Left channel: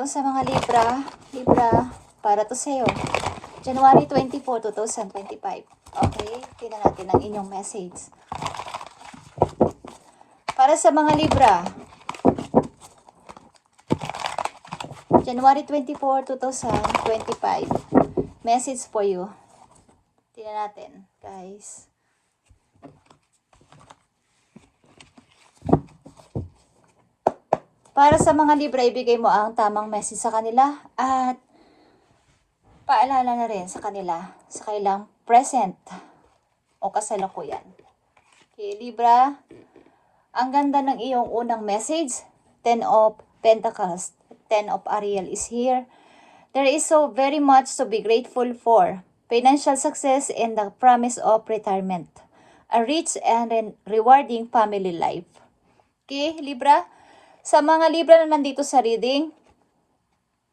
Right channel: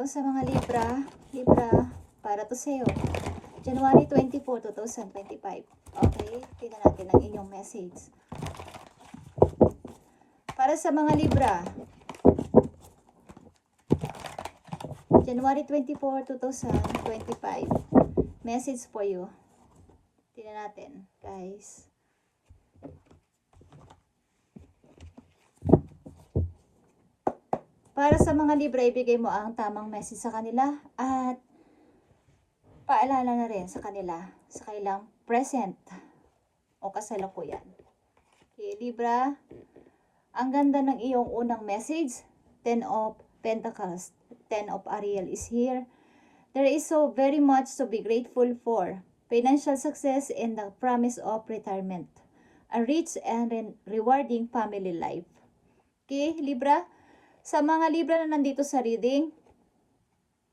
Hello sa mga Libra. Libra, para to sa'yo. January 24, 2025. Okay, tingnan natin ang inyong message. Para sa mga Libra, January 24, 2025. Message for you. Tingnan natin, guys. Para sa mga Libra, ibigay mo ang tamang message sa kanila at paalala na rin sa kanila sa kailang present o kasalukuyan. Okay, Libra, ang ganda ng iyong unang message. 10 of Pentacles, 10 of Ariel is here. There is so very much to be grateful for. Financial success and the promise of retirement. A rich and rewarding family life. Okay, Libra? Sa mga Libra na nandito sa reading,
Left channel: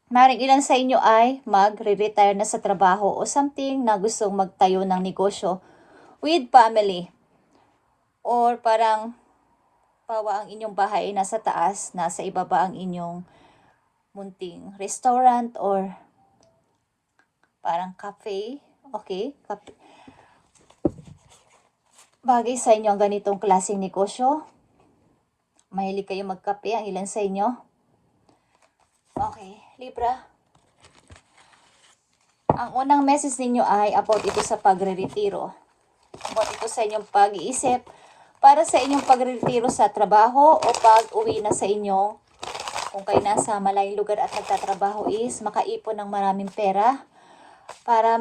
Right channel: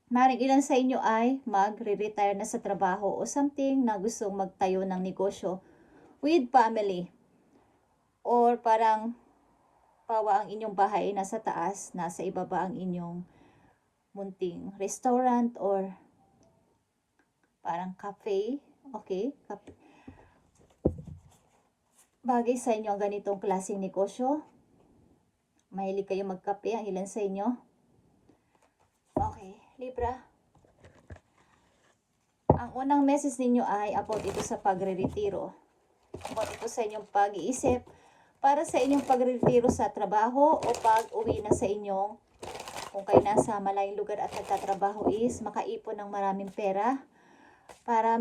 maring ilan sa inyo ay magre-retire na sa trabaho o something na gustong magtayo ng negosyo with family. Or parang pawa ang inyong bahay nasa taas, nasa ibaba ang inyong munting restaurant or parang cafe. Okay? Cafe. Bagay sa inyo ang ganitong klaseng negosyo. Mahilig kayo magkape, ang ilan sa inyo. Okay, Libra. Ang unang message ninyo ay about ito sa pagre-retiro. About ito sa inyong pag-iisip para sa inyong pagre-retiro sa trabaho o pag-uwi na sa inyo. Kung kayo nasa malayong lugar at nagtatrabaho is makaipon ng maraming pera para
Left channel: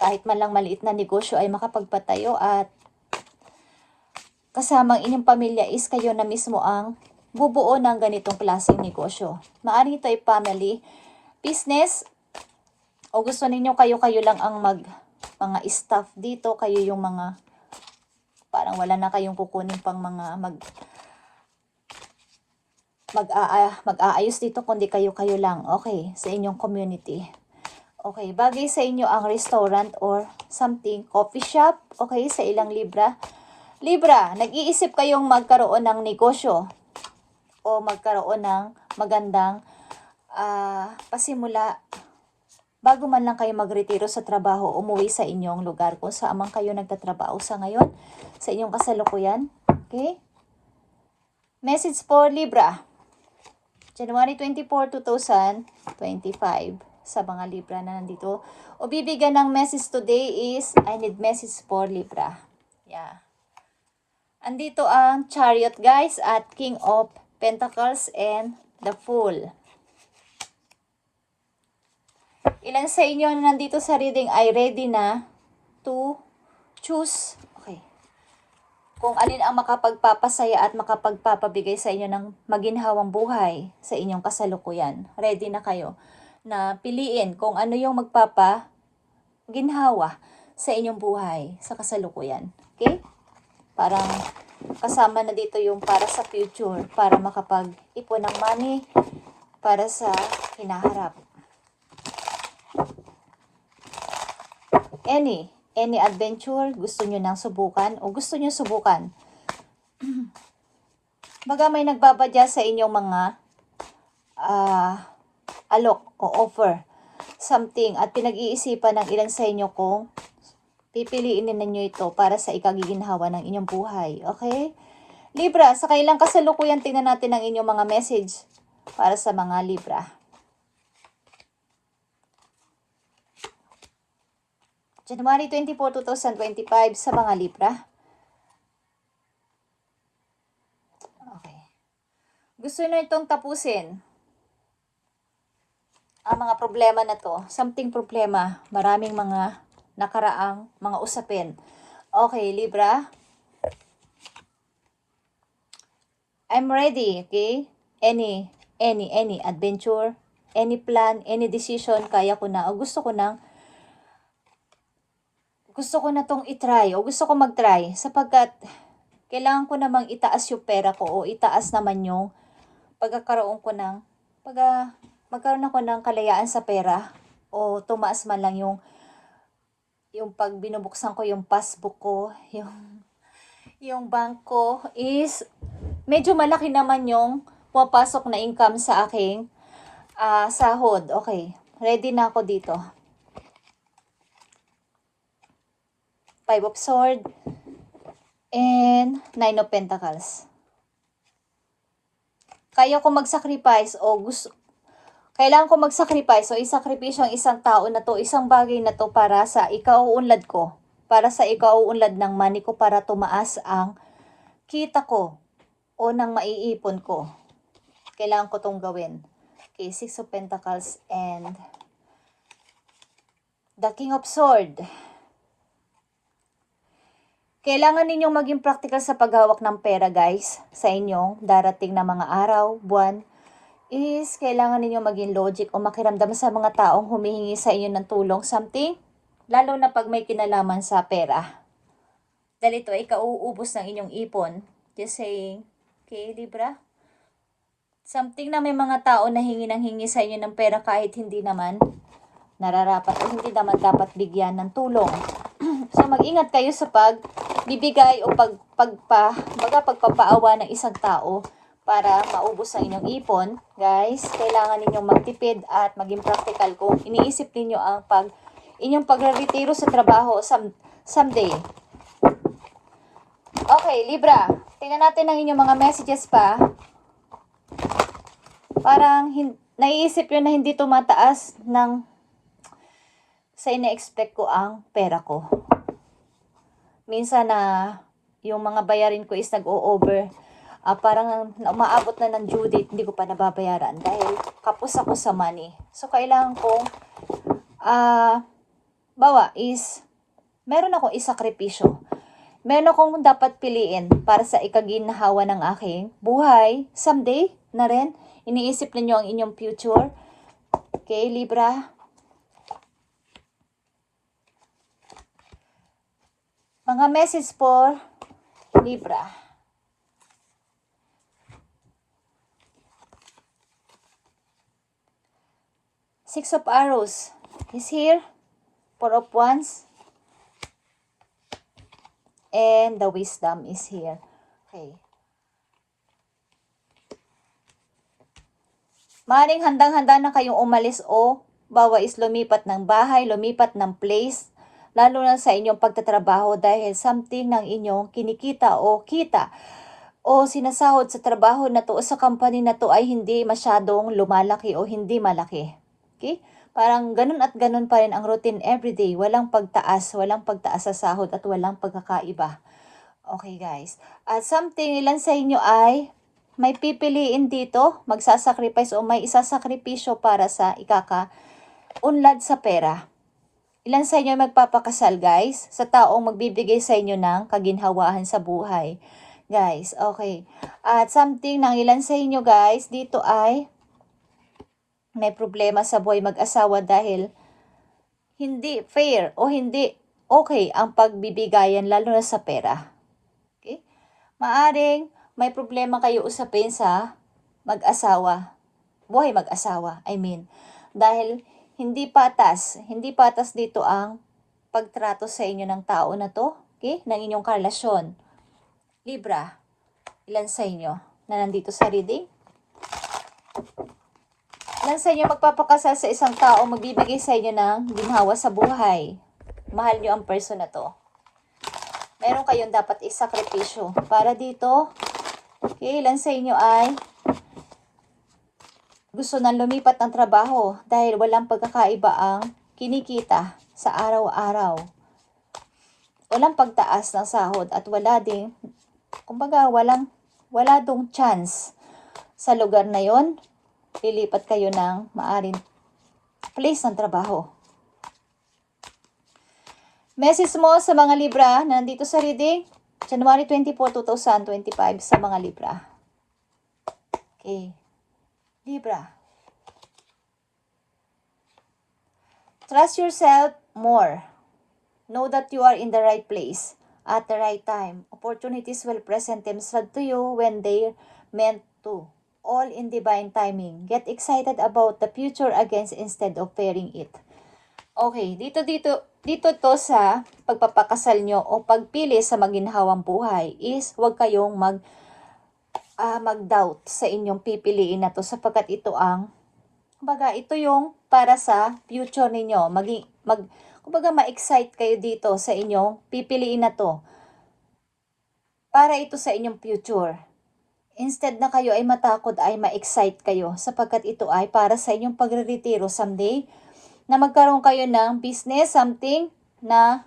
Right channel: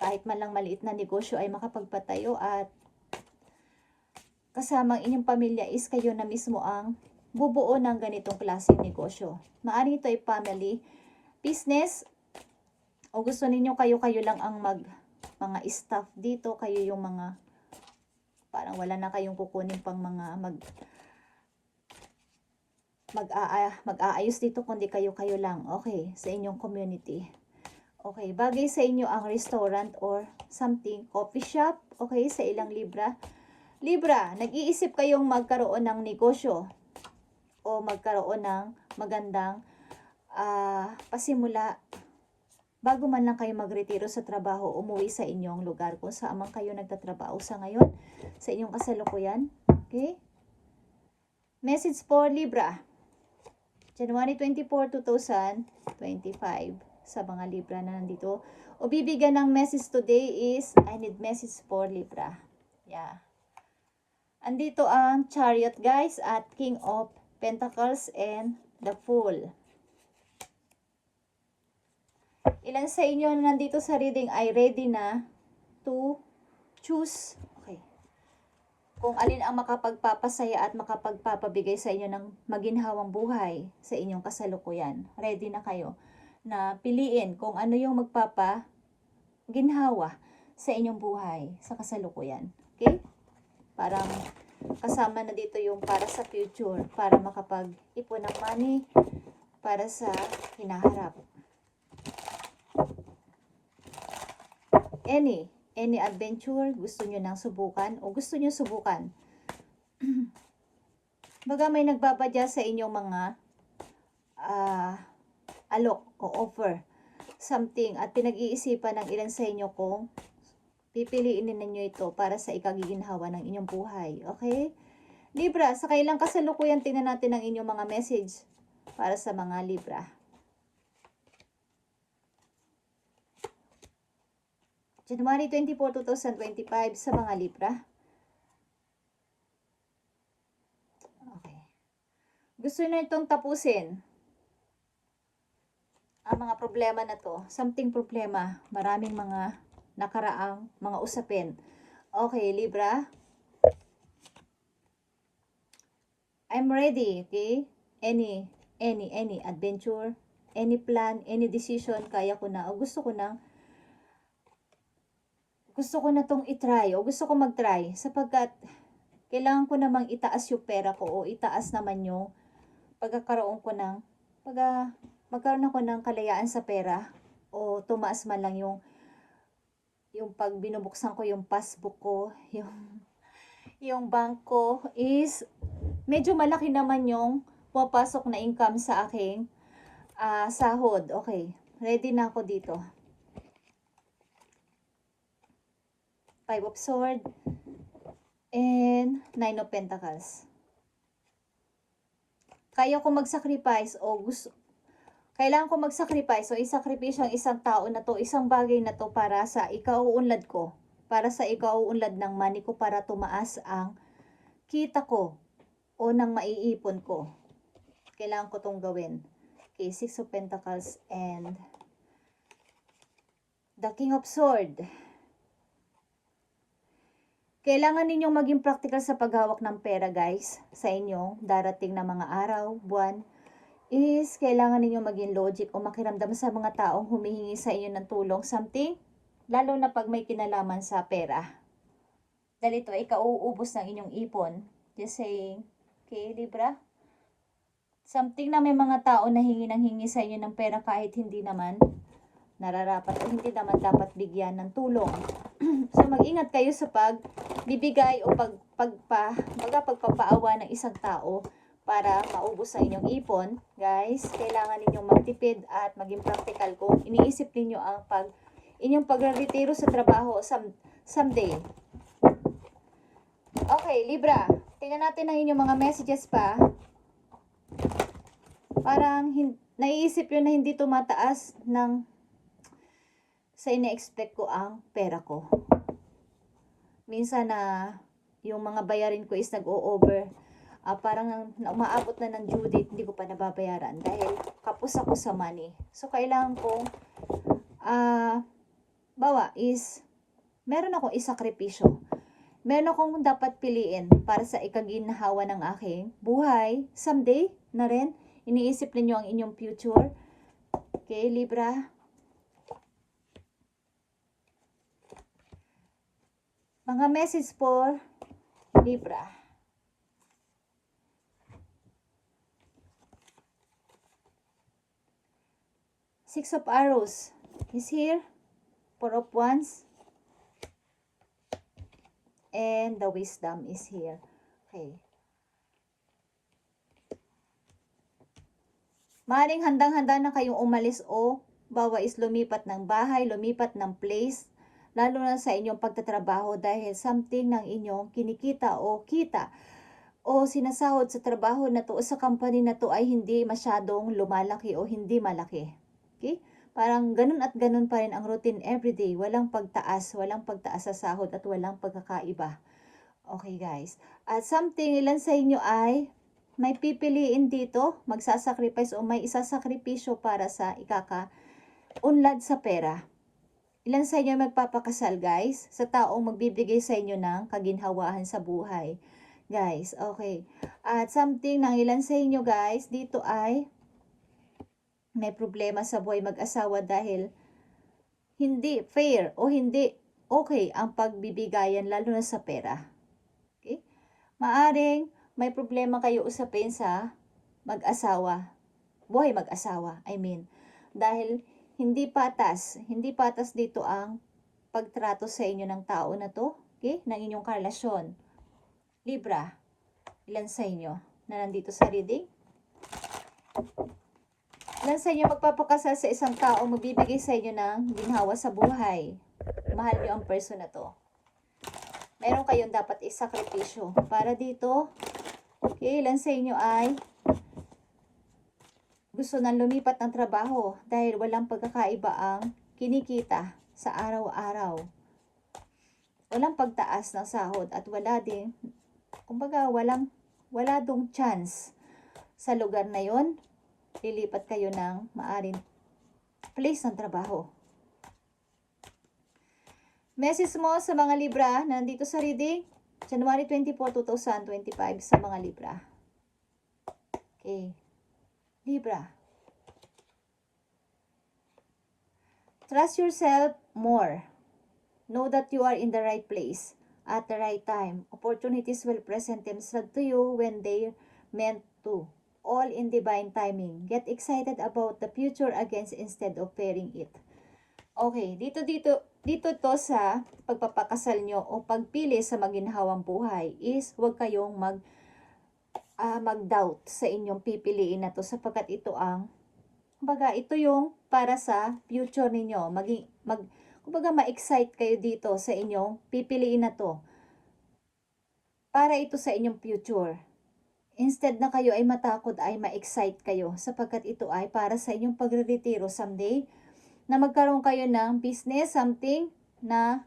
kahit man lang maliit na negosyo ay makapagpatayo at kasamang inyong pamilya is kayo na mismo ang bubuo ng ganitong klaseng negosyo. Maaari ito ay family, business, o gusto ninyo kayo-kayo lang ang mga staff dito, kayo yung mga, parang wala na kayong kukunin pang mga mag-aayos dito, kundi kayo-kayo lang, okay, sa inyong community. Okay, bagay sa inyo ang restaurant or something, coffee shop, okay, sa ilang Libra. Libra, nag-iisip kayong magkaroon ng negosyo o magkaroon ng magandang pasimula bago man lang kayo magretiro sa trabaho, umuwi sa inyong lugar kung saan man kayo nagtatrabaho sa ngayon, sa inyong kasalukuyan. Okay? Message for Libra. January 24, 2025 sa mga Libra na nandito. O bibigyan ng message today is, I need message for Libra. Yeah. Andito ang Chariot, guys, at King of Pentacles and the Fool. Ilan sa inyo na nandito sa reading ay ready na to choose, okay, kung alin ang makapagpapasaya at makapagpapabigay sa inyo ng maginhawang buhay sa inyong kasalukuyan. Ready na kayo na piliin kung ano yung magpapaginhawa sa inyong buhay sa kasalukuyan. Okay? Parang kasama na dito yung para sa future, para makapag-ipon ng money para sa hinaharap. Any adventure gusto nyo nang subukan o gusto nyo subukan. Baga may nagbabadya sa inyong mga alok o offer something at pinag-iisipan ng ilan sa inyo kung pipiliin ninyo ito para sa ikagiginhawa ng inyong buhay. Okay? Libra, sa kailang kasalukuyan, tingnan natin ang inyong mga message para sa mga Libra. January 24, 2025 sa mga Libra. Okay. Gusto nyo itong tapusin. Ang mga problema na to. Something problema. Maraming mga nakaraang mga usapin. Okay, Libra. I'm ready, okay? Any adventure, any plan, any decision, kaya ko na. O gusto ko na tong itry. O gusto ko mag-try. Sapagkat, kailangan ko namang itaas yung pera ko. O itaas naman yung magkaroon ako ng kalayaan sa pera. O tumaas man lang yung pag binubuksan ko yung passbook ko, yung bank ko is medyo malaki naman yung pumapasok na income sa aking sahod. Okay, ready na ako dito. 5 of Swords and 9 of Pentacles. Kaya ko mag-sacrifice o kailangan ko mag-sacrifice o isakripisyo ang isang tao na to, isang bagay na to para sa ikauunlad ko. Para sa ikauunlad ng money ko, para tumaas ang kita ko o ng maiipon ko. Kailangan ko tong gawin. Okay, 6 of Pentacles and the King of Swords. Kailangan ninyong maging practical sa paghawak ng pera, guys. Sa inyong darating na mga araw, buwan, is kailangan ninyong maging logic o makiramdam sa mga taong humihingi sa inyo ng tulong, something, lalo na pag may kinalaman sa pera. Dahil ito ay kauubos ng inyong ipon. Just saying, okay, Libra? Something na may mga tao na hingi sa inyo ng pera kahit hindi naman nararapat o hindi naman dapat bigyan ng tulong. So mag-ingat kayo sa pagbibigay o pagpapaawa ng isang tao para maubos ang inyong ipon. Guys, kailangan ninyong magtipid at maging practical kung iniisip ninyo ang inyong pagre-retiro sa trabaho someday. Okay, Libra, tingnan natin ang inyong mga messages pa. Parang naiisip nyo na hindi tumataas sa ina-expect ko ang pera ko. Minsan na yung mga bayarin ko is nag-o-over. Parang umaabot na ng due date, hindi ko pa nababayaran dahil kapos ako sa money. So, kailangan kong, meron akong isakripisyo. Meron akong dapat piliin para sa ikaginhawa ng aking buhay. Someday na rin, iniisip ninyo ang inyong future. Okay, Libra? Mga message for Libra. Six of Arrows is here. Four of Wands. And the Wisdom is here. Okay. Maaaring handang-handa na kayong umalis o is lumipat ng bahay, lumipat ng place, lalo na sa inyong pagtatrabaho dahil something ng inyong kinikita o kita o sinasahod sa trabaho na to o sa company na to ay hindi masyadong lumalaki o hindi malaki. Okay? Parang ganun at ganun pa rin ang routine everyday. Walang pagtaas sa sahod at walang pagkakaiba. Okay, guys. At something, ilan sa inyo ay may pipiliin dito, magsasacrifice o may isasakripisyo para sa ikaka-unlad sa pera. Ilan sa inyo ay magpapakasal, guys, sa taong magbibigay sa inyo ng kaginhawahan sa buhay. Guys, okay. At something ng ilan sa inyo, guys, dito ay may problema sa buhay mag-asawa dahil hindi fair o hindi okay ang pagbibigayan lalo na sa pera. Okay? Maaring may problema kayo usapin sa mag-asawa, buhay mag-asawa, dahil hindi patas dito ang pagtrato sa inyo ng tao na to, okay, ng inyong karelasyon. Libra, ilan sa inyo na nandito sa reading? Ilan sa inyo magpapakasal sa isang tao magbibigay sa inyo ng ginhawa sa buhay? Mahal nyo ang person na to. Meron kayong dapat isakripisyo para dito. Okay, ilan sa inyo ay gusto nang lumipat ng trabaho dahil walang pagkakaiba ang kinikita sa araw-araw. Walang pagtaas ng sahod at wala dong chance sa lugar na yon. Lilipat kayo ng maaring place ng trabaho. Message mo sa mga Libra na nandito sa reading, January 24, 2025 sa mga Libra. Okay. Libra. Trust yourself more. Know that you are in the right place at the right time. Opportunities will present themselves to you when they're meant to. All in divine timing. Get excited about the future against instead of fearing it. Okay, dito to sa pagpapakasal nyo o pagpili sa maginhawang buhay is huwag kayong mag-doubt sa inyong pipiliin na to sapagkat ito ang, kumbaga, ito yung para sa future ninyo. Kumbaga, ma-excite kayo dito sa inyong pipiliin na to. Para ito sa inyong future. Instead na kayo ay matakot, ay ma-excite kayo sapagkat ito ay para sa inyong pagre-retiro someday na magkaroon kayo ng business, something na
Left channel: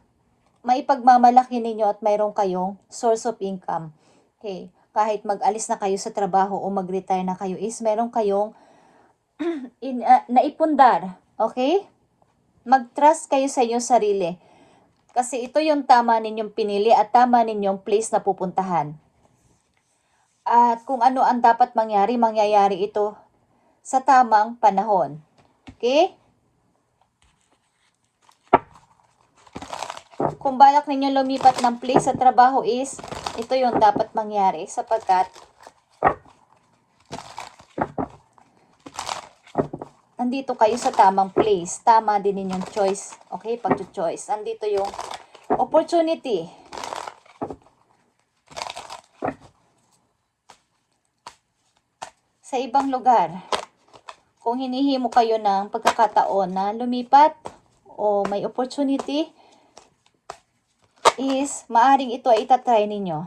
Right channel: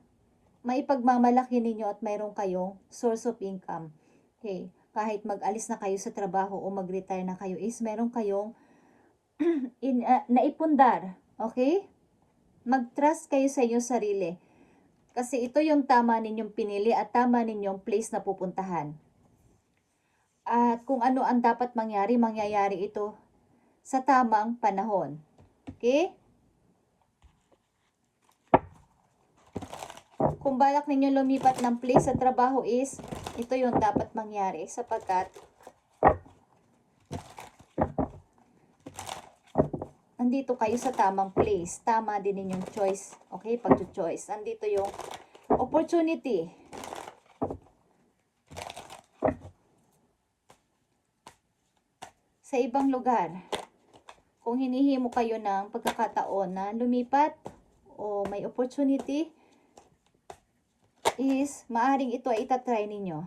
maipagmamalaki ninyo at mayroon kayong source of income. Okay. Kahit mag-alis na kayo sa trabaho o mag-retire na kayo is meron kayong naipundar. Okay? Mag-trust kayo sa inyong sarili. Kasi ito yung tama ninyong pinili at tama ninyong place na pupuntahan. At kung ano ang dapat mangyari, mangyayari ito sa tamang panahon. Okay? Kung balak ninyo lumipat ng place sa trabaho is, ito yung dapat mangyari sapagkat nandito kayo sa tamang place. Tama din ninyong choice. Okay? Pag-choice. Nandito yung opportunity. Sa ibang lugar, kung hinihimo kayo ng pagkakataon na lumipat o may opportunity, is maaring ito ay itatry ninyo.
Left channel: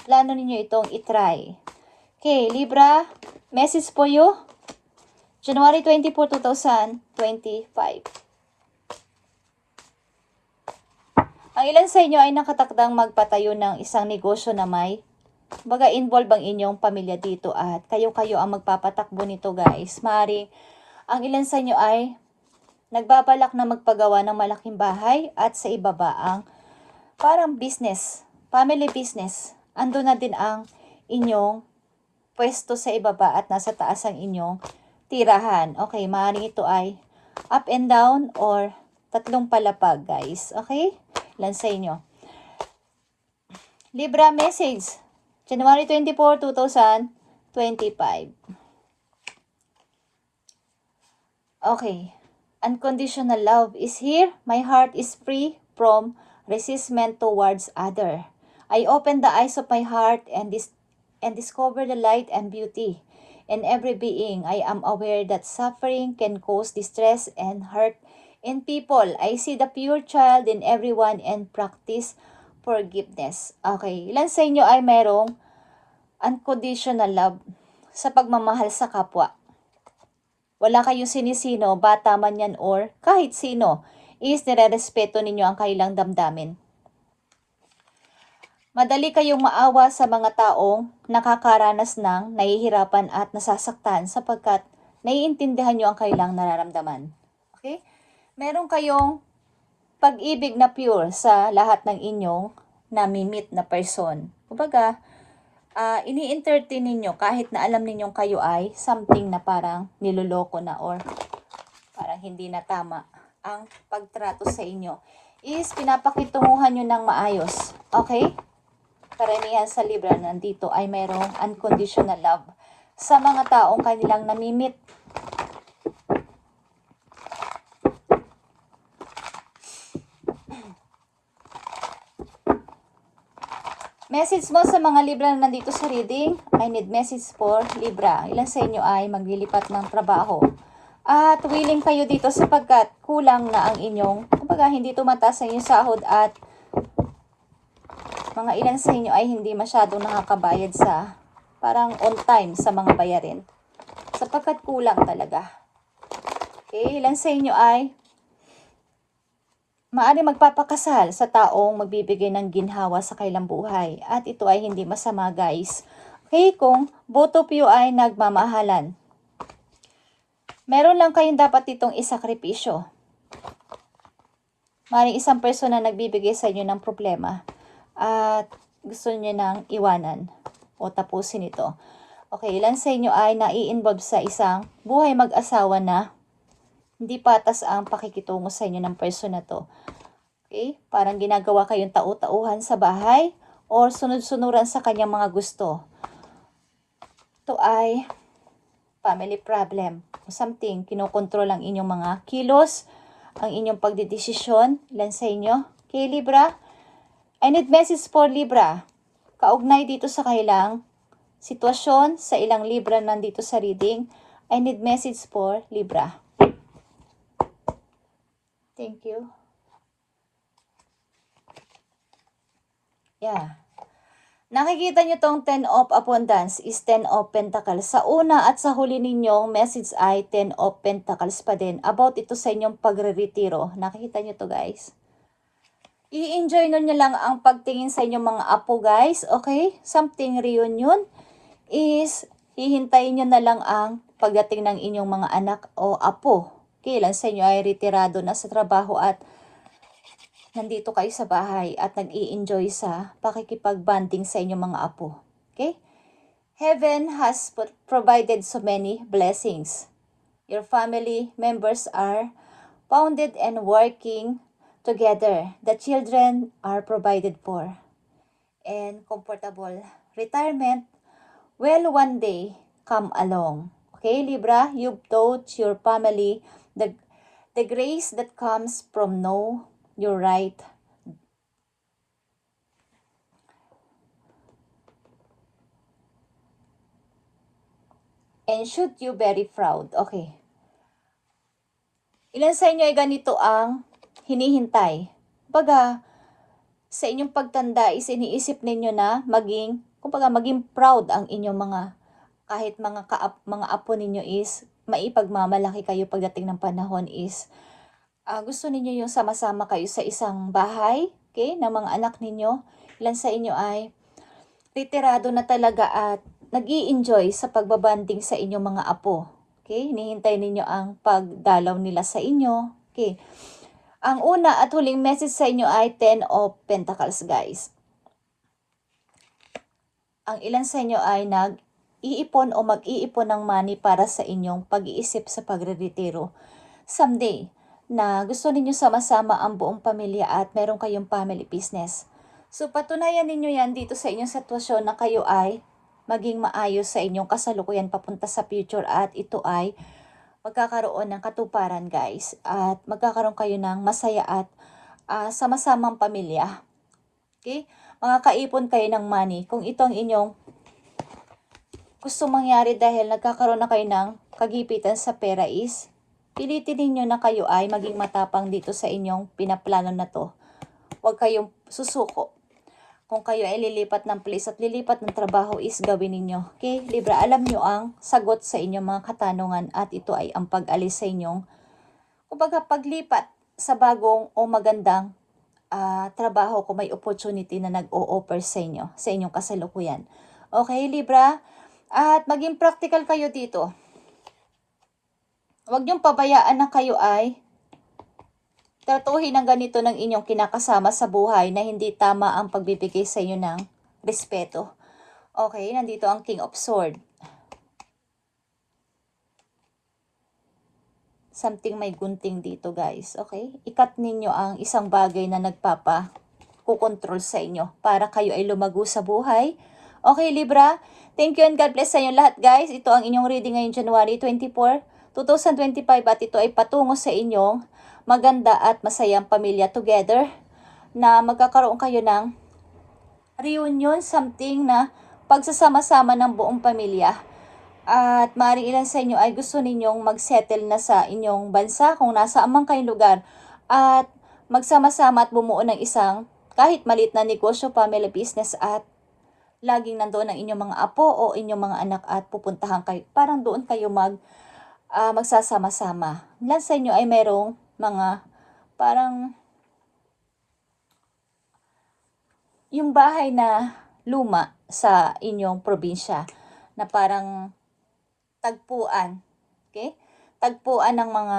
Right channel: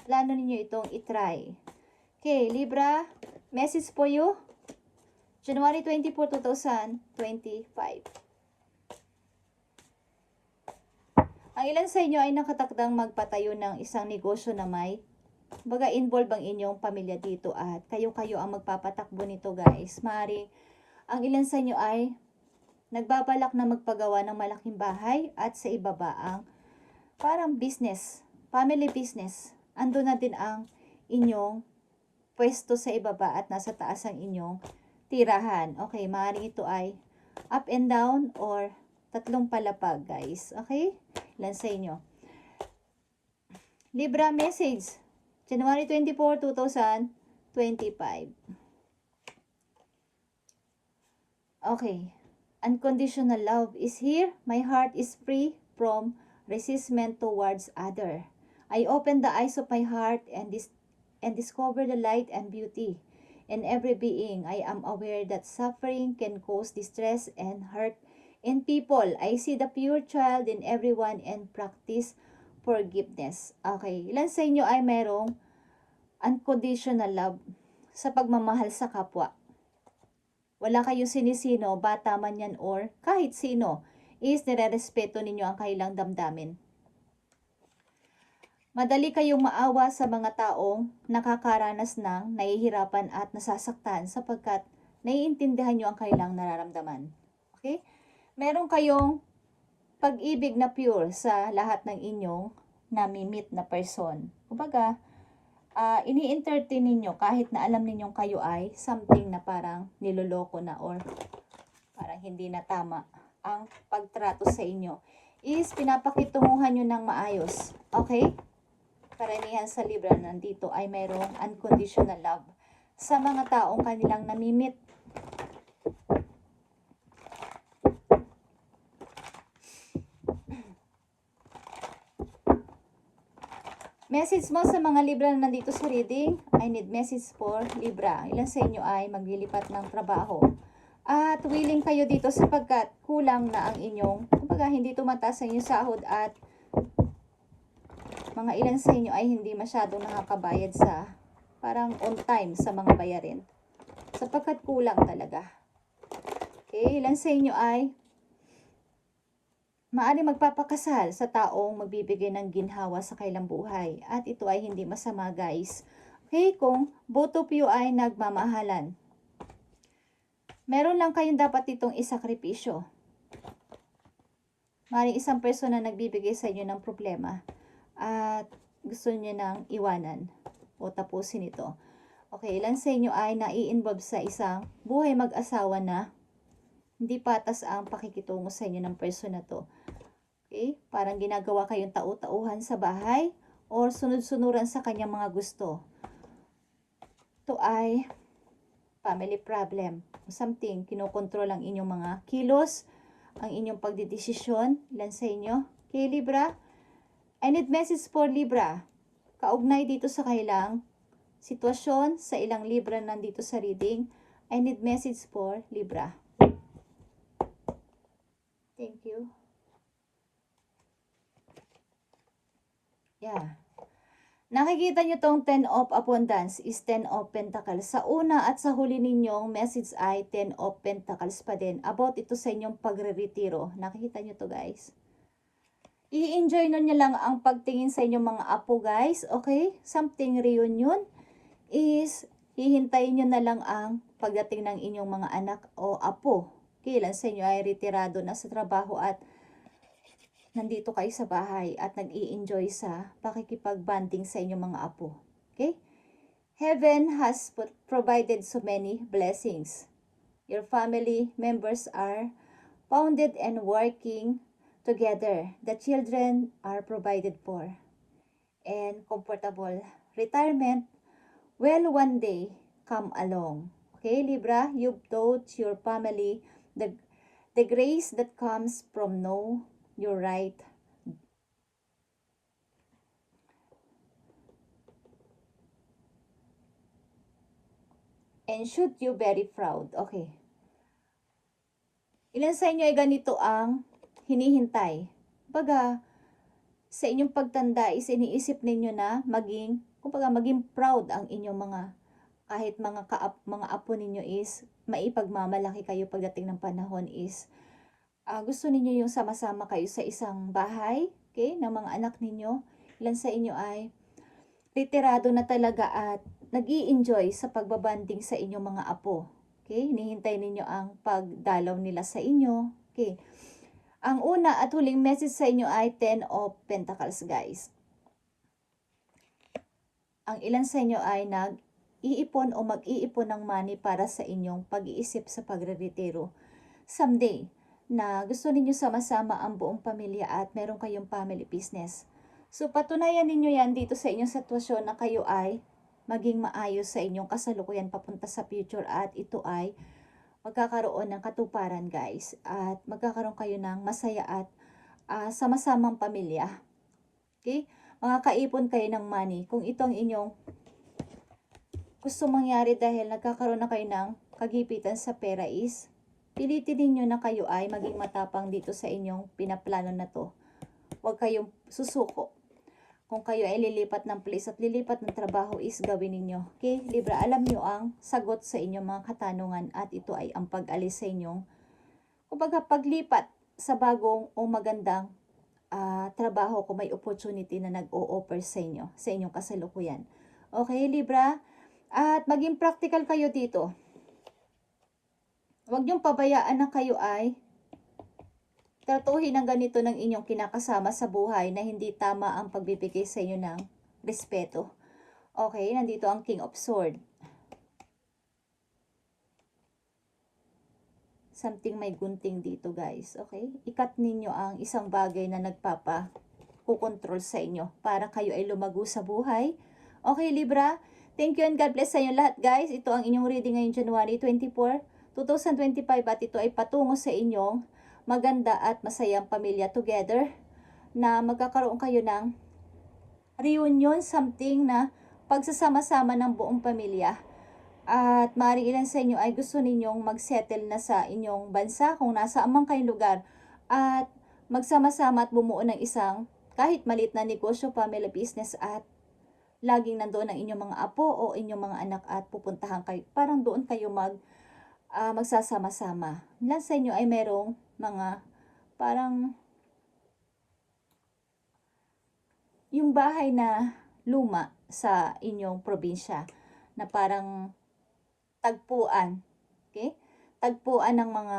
Plano ninyo itong itry. Okay, Libra, message for you. January 24, 2025. Ang ilan sa inyo ay nakatakdang magpatayo ng isang negosyo na may baga involve ang inyong pamilya dito at kayo-kayo ang magpapatakbo nito, guys. Maaring ang ilan sa inyo ay nagbabalak na magpagawa ng malaking bahay at sa ibaba ang parang business, family business. Ando na din ang inyong pwesto sa ibaba at nasa taas ang inyong tirahan. Okay, maaaring ito ay up and down or tatlong palapag, guys. Okay? Ilan sa inyo? Libra, message. January 24, 2025. Okay. Unconditional love is here. My heart is free from resentment towards other. I open the eyes of my heart and discover the light and beauty in every being. I am aware that suffering can cause distress and hurt in people. I see the pure child in everyone and practice forgiveness. Okay, ilan sa inyo ay mayroong unconditional love sa pagmamahal sa kapwa? Wala kayong sinisino, bata man yan or kahit sino, is nire-respeto ninyo ang kailang damdamin. Madali kayong maawa sa mga taong nakakaranas ng nahihirapan at nasasaktan sapagkat naiintindihan nyo ang kailang nararamdaman. Okay? Meron kayong pag-ibig na pure sa lahat ng inyong nami-meet na person. Kumbaga, ini-entertain ninyo kahit na alam ninyong kayo ay something na parang niloloko na or parang hindi na tama ang pagtrato sa inyo is pinapakitunguhan nyo ng maayos. Okay? Karamihan sa Libra nandito ay mayroong unconditional love sa mga taong kanilang namimit. Message mo sa mga Libra na nandito sa reading. I need message for Libra. Ilan sa inyo ay maglilipat ng trabaho. At willing kayo dito sapagkat kulang na ang inyong, kumbaga hindi tumataas sa inyong sahod at mga ilan sa inyo ay hindi masyadong nakakabayad sa parang on time sa mga bayarin. Sapagkat kulang talaga. Okay, ilan sa inyo ay maaari magpapakasal sa taong magbibigay ng ginhawa sa kailang buhay. At ito ay hindi masama, guys. Okay, kung both of you ay nagmamahalan. Meron lang kayong dapat itong isakripisyo. Maaaring isang person na nagbibigay sa inyo ng problema at gusto niyo nang iwanan o tapusin ito. Okay, ilan sa inyo ay nai-involve sa isang buhay mag-asawa na hindi patas ang pakikitungo sa inyo ng person na to. Okay? Parang ginagawa kayong tau-tauhan sa bahay or sunod-sunuran sa kanyang mga gusto. Ito ay family problem. Something, kinokontrol ang inyong mga kilos, ang inyong pagdidesisyon. Ilan sa inyo? Okay, Libra? I need message for Libra. Kaugnay dito sa kailang sitwasyon sa ilang Libra nandito sa reading. I need message for Libra. Thank you. Yeah. Nakikita nyo tong 10 of Abundance is 10 of Pentacles. Sa una at sa huli ninyong message ay 10 of Pentacles pa din. About ito sa inyong pagre-retiro. Nakikita nyo to guys. I-enjoy nyo lang ang pagtingin sa inyong mga apo guys. Okay? Something reunion is hihintayin nyo na lang ang pagdating ng inyong mga anak o apo. Kailan sa inyo ay retirado na sa trabaho at nandito kayo sa bahay at nag-i-enjoy sa pakikipag-bonding sa inyong mga apo. Okay? Heaven has provided so many blessings. Your family members are founded and working together. The children are provided for. And comfortable retirement will one day come along. Okay, Libra, you've taught your family the grace that comes from know your right. And should you very proud. Okay. Ilan sa inyo ay ganito ang hinihintay? Baga, sa inyong pagtanda is iniisip ninyo na maging proud ang inyong kahit mga apo ninyo is maipagmamalaki kayo pagdating ng panahon is gusto ninyo yung sama-sama kayo sa isang bahay, okay, ng mga anak ninyo. Ilan sa inyo ay retirado na talaga at nag-i-enjoy sa pagbabanding sa inyong mga apo. Okay, hinihintay ninyo ang pagdalaw nila sa inyo. Okay. Ang una at huling message sa inyo ay 10 of Pentacles, guys. Ang ilan sa inyo ay nag-iipon o mag-iipon ng money para sa inyong pag-iisip sa pagre-retiro someday, na gusto ninyo sama-sama ang buong pamilya at meron kayong family business. So, patunayan ninyo yan dito sa inyong sitwasyon na kayo ay maging maayos sa inyong kasalukuyan papunta sa future at ito ay magkakaroon ng katuparan guys. At magkakaroon kayo ng masaya at sama-samang pamilya. Okay? Makakaipon kayo ng money. Kung ito ang inyong gusto mangyari dahil nagkakaroon na kayo ng kagipitan sa pera is pilitin ninyo na kayo ay maging matapang dito sa inyong pinaplano na to. Huwag kayong susuko. Kung kayo ay lilipat ng place at lilipat ng trabaho is gawin ninyo. Okay, Libra, alam nyo ang sagot sa inyong mga katanungan at ito ay ang pag-alis sa inyong kumbaga paglipat sa bagong o magandang trabaho kung may opportunity na nag-o-offer sa inyo, sa inyong kasalukuyan. Okay, Libra, at maging practical kayo dito. Huwag niyong pabayaan na kayo ay tratuhin ng ganito ng inyong kinakasama sa buhay na hindi tama ang pagbibigay sa inyo ng respeto. Okay, nandito ang King of Swords. Something may gunting dito guys. Okay, ikat ninyo ang isang bagay na kukontrol sa inyo para kayo ay lumago sa buhay. Okay, Libra, thank you and God bless sa inyo lahat guys. Ito ang inyong reading ngayong January 24, 2025 at ito ay patungo sa inyong maganda at masayang pamilya together na magkakaroon kayo ng reunion, something na pagsasama-sama ng buong pamilya. At maaaring ilan sa inyo ay gusto ninyong mag-settle na sa inyong bansa kung nasa amang kayong lugar at magsama-sama at bumuo ng isang kahit maliit na negosyo, family business at laging nandoon ang inyong mga apo o inyong mga anak at pupuntahan kayo. Parang doon kayo magsasama-sama. Ilan sa inyo ay merong mga parang yung bahay na luma sa inyong probinsya na parang tagpuan. Okay? Tagpuan ng mga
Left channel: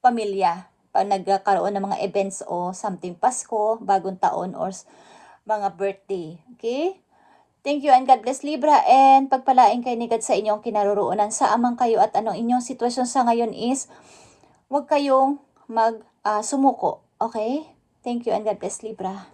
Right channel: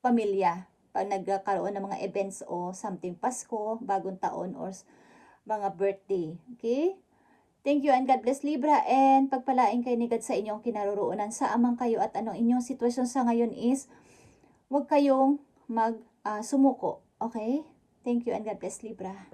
pamilya pag nagkakaroon ng mga events o something Pasko, bagong taon or mga birthday. Okay? Thank you and God bless Libra and pagpalain kayo ni God sa inyong kinaroroonan sa amang kayo at anong inyong sitwasyon sa ngayon is huwag kayong sumuko. Okay? Thank you and God bless Libra.